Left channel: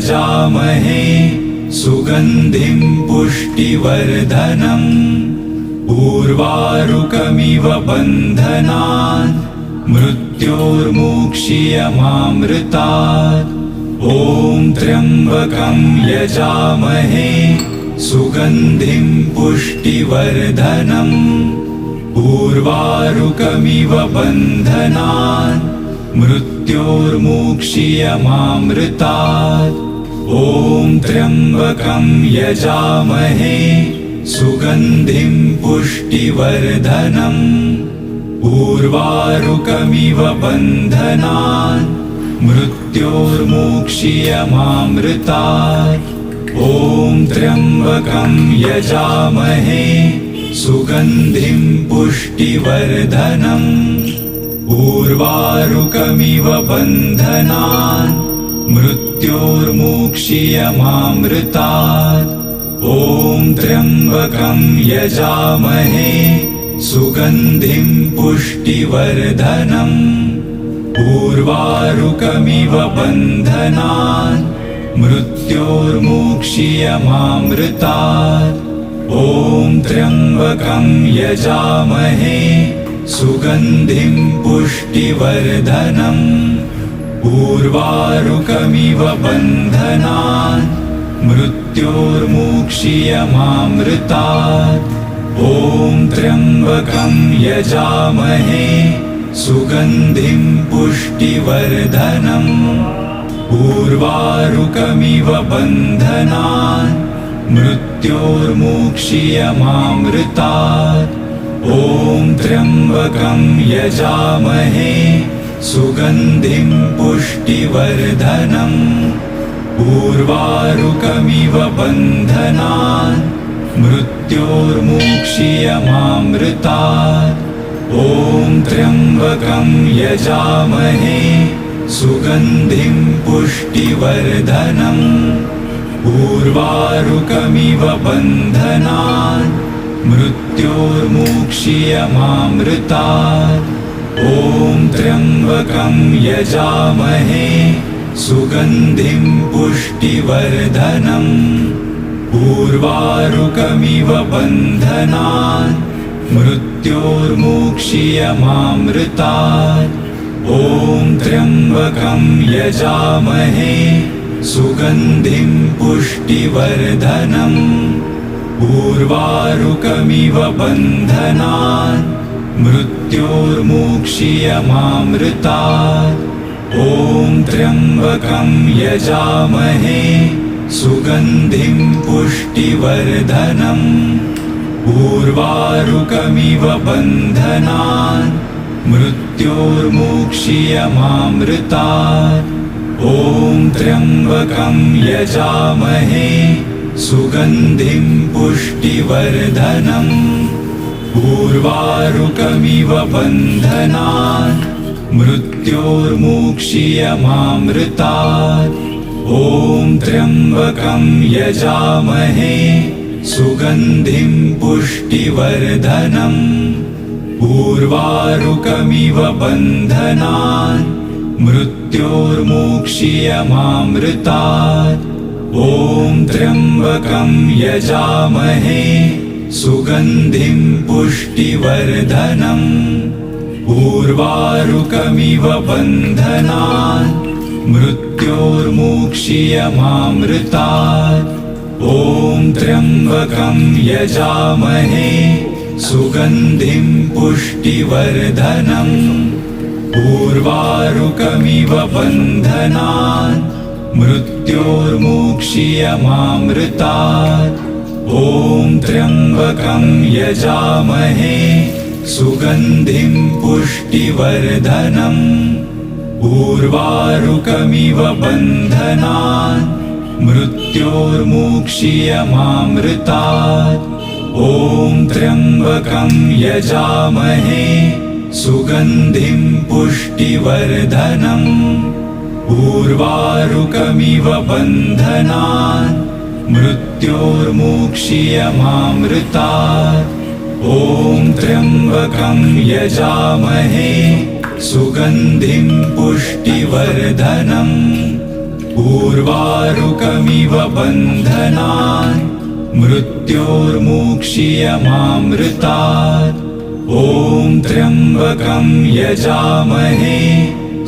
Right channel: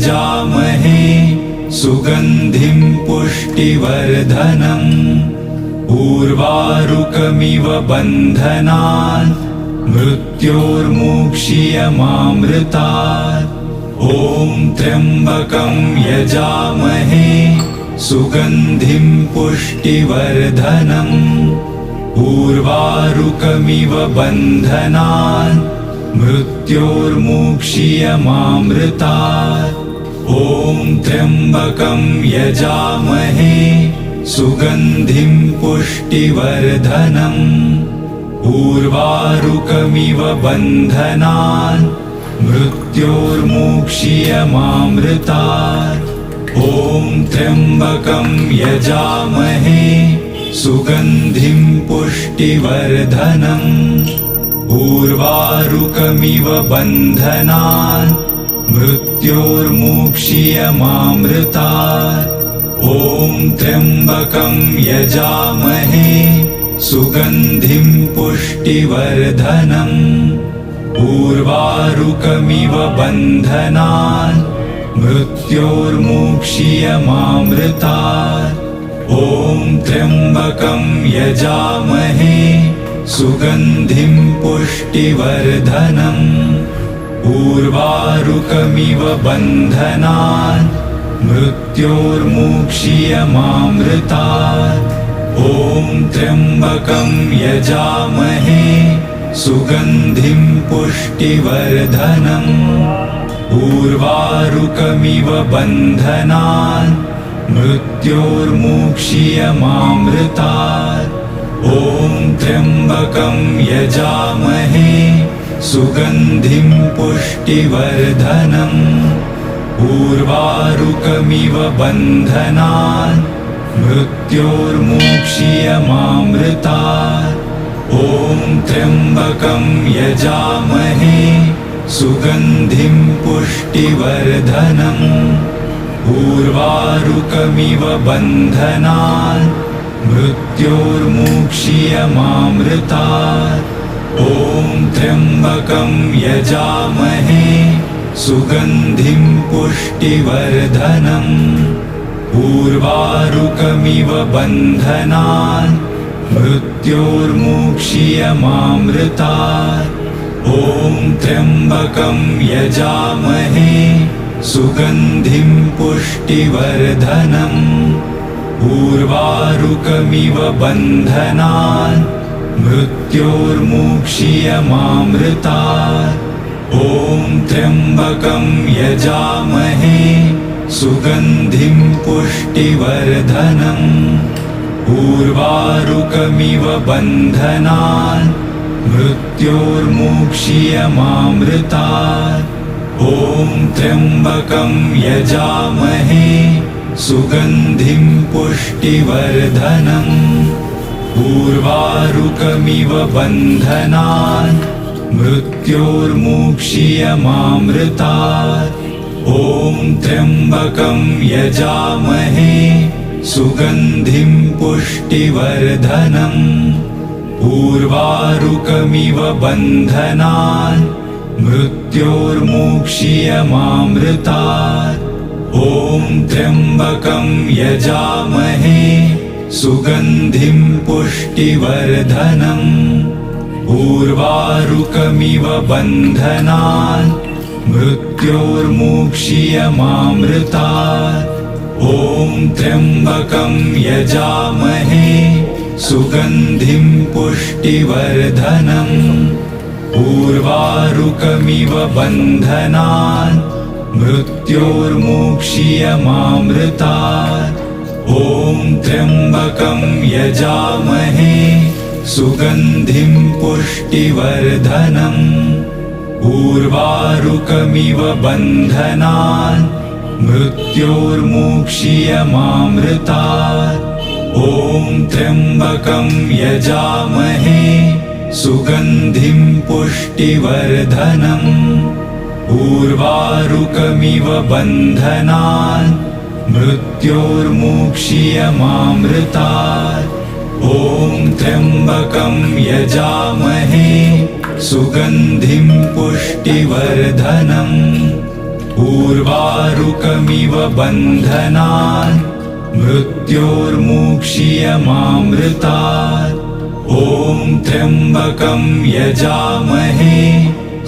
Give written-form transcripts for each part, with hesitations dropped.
यजामहे सुगन्धिं पुष्टिवर्धनम् उर्वारुकमिव बन्धनान् मृत्योर्मुक्षीयमामृतात् ॐ त्र्यम्बकं यजामहे सुगन्धिं पुष्टिवर्धनम् उर्वारुकमिव बन्धनान् मृत्योर्मुक्षीयमामृतात् ॐ त्र्यम्बकं यजामहे सुगन्धिं पुष्टिवर्धनम् उर्वारुकमिव बन्धनान् मृत्योर्मुक्षीयमामृतात् ॐ त्र्यम्बकं यजामहे सुगन्धिं पुष्टिवर्धनम् उर्वारुकमिव बन्धनान् मृत्योर्मुक्षीयमामृतात् ॐ त्र्यम्बकं यजामहे सुगन्धिं पुष्टिवर्धनम् उर्वारुकमिव बन्धनान् मृत्योर्मुक्षीयमामृतात् ॐ त्र्यम्बकं यजामहे सुगन्धिं पुष्टिवर्धनम् उर्वारुकमिव बन्धनान् मृत्योर्मुक्षीयमामृतात् ॐ त्र्यम्बकं यजामहे सुगन्धिं पुष्टिवर्धनम् उर्वारुकमिव बन्धनान् मृत्योर्मुक्षीयमामृतात् ॐ त्र्यम्बकं यजामहे सुगन्धिं पुष्टिवर्धनम् उर्वारुकमिव बन्धनान् मृत्योर्मुक्षीयमामृतात् ॐ त्र्यम्बकं यजामहे सुगन्धिं पुष्टिवर्धनम् उर्वारुकमिव बन्धनान् मृत्योर्मुक्षीयमामृतात् ॐ त्र्यम्बकं यजामहे सुगन्धिं पुष्टिवर्धनम् उर्वारुकमिव बन्धनान् मृत्योर्मुक्षीयमामृतात् ॐ त्र्यम्बकं यजामहे सुगन्धिं पुष्टिवर्धनम् उर्वारुकमिव बन्धनान् मृत्योर्मुक्षीयमामृतात् ॐ त्र्यम्बकं यजामहे सुगन्धिं पुष्टिवर्धनम् उर्वारुकमिव बन्धनान् मृत्योर्मुक्षीयमामृतात् ॐ त्र्यम्बकं यजामहे सुगन्धिं पुष्टिवर्धनम् उर्वारुकमिव बन्धनान् मृत्योर्मुक्षीयमामृतात् ॐ त्र्यम्बकं यजामहे सुगन्धिं पुष्टिवर्धनम् उर्वारुकमिव बन्धनान् मृत्योर्मुक्षीयमामृतात् ॐ त्र्यम्बकं यजामहे सुगन्धिं पुष्टिवर्धनम् उर्वारुकमिव बन्धनान् मृत्योर्मुक्षीयमामृतात् ॐ त्र्यम्बकं यजामहे सुगन्धिं पुष्टिवर्धनम् उर्वारुकमिव बन्धनान् मृत्योर्मुक्षीयमामृतात् ॐ त्र्यम्बकं यजामहे सुगन्धिं पुष्टिवर्धनम् उर्वारुकमिव बन्धनान् मृत्योर्मुक्षीयमामृतात् ॐ त्र्यम्बकं यजामहे सुगन्धिं पुष्टिवर्धनम् उर्वारुकमिव बन्धनान् मृत्योर्मुक्षीयमामृतात् ॐ त्र्यम्बकं यजामहे सुगन्धिं पुष्टिवर्धनम् उर्वारुकमिव बन्धनान् मृत्योर्मुक्षीयमामृतात् ॐ त्र्यम्बकं यजामहे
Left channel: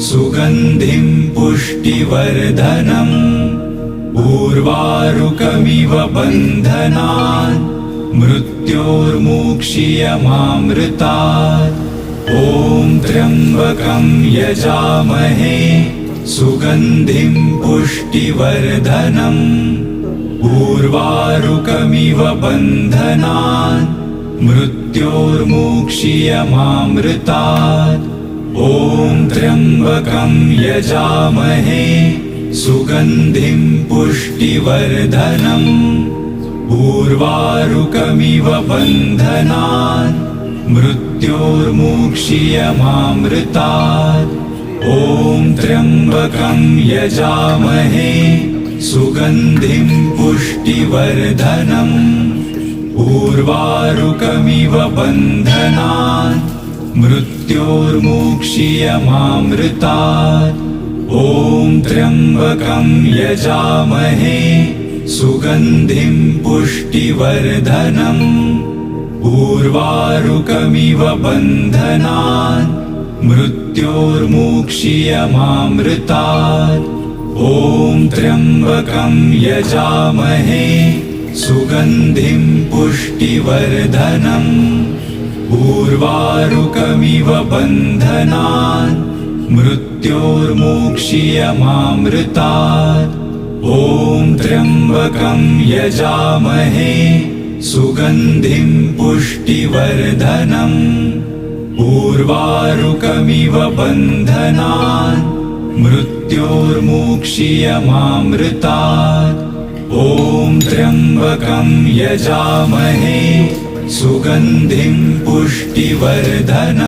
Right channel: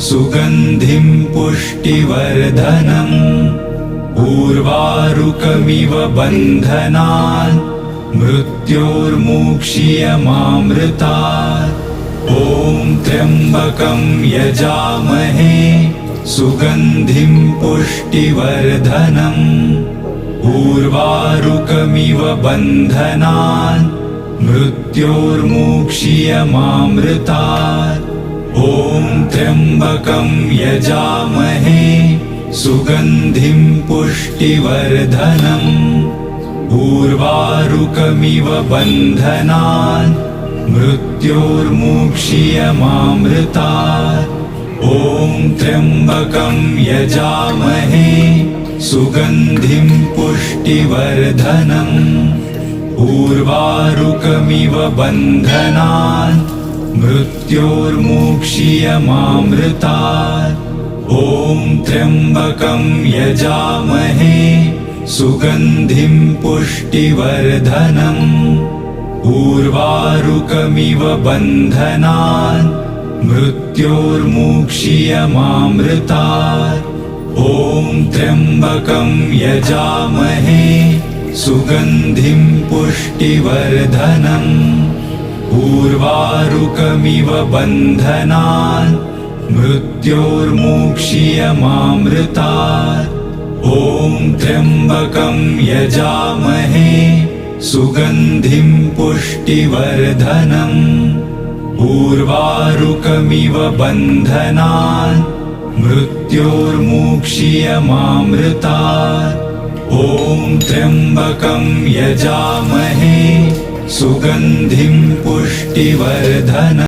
सुगन्धिं पुष्टिवर्धनम् उर्वारुकमिव बन्धनान् मृत्योर्मुक्षीयमामृतात् ॐ त्र्यम्बकं यजामहे सुगन्धिं पुष्टिवर्धनम् उर्वारुकमिव बन्धनान् मृत्योर्मुक्षीयमामृतात् ॐ त्र्यम्बकं यजामहे सुगन्धिं पुष्टिवर्धनम् उर्वारुकमिव बन्धनान् मृत्योर्मुक्षीयमामृतात् ॐ त्र्यम्बकं यजामहे सुगन्धिं पुष्टिवर्धनम् उर्वारुकमिव बन्धनान् मृत्योर्मुक्षीयमामृतात् ॐ त्र्यम्बकं यजामहे सुगन्धिं पुष्टिवर्धनम् उर्वारुकमिव बन्धनान् मृत्योर्मुक्षीयमामृतात् ॐ त्र्यम्बकं यजामहे सुगन्धिं पुष्टिवर्धनम् उर्वारुकमिव बन्धनान् मृत्योर्मुक्षीयमामृतात् ॐ त्र्यम्बकं यजामहे सुगन्धिं पुष्टिवर्धनम् उर्वारुकमिव बन्धनान् मृत्योर्मुक्षीयमामृतात् ॐ त्र्यम्बकं यजामहे सुगन्धिं पुष्टिवर्धनम्।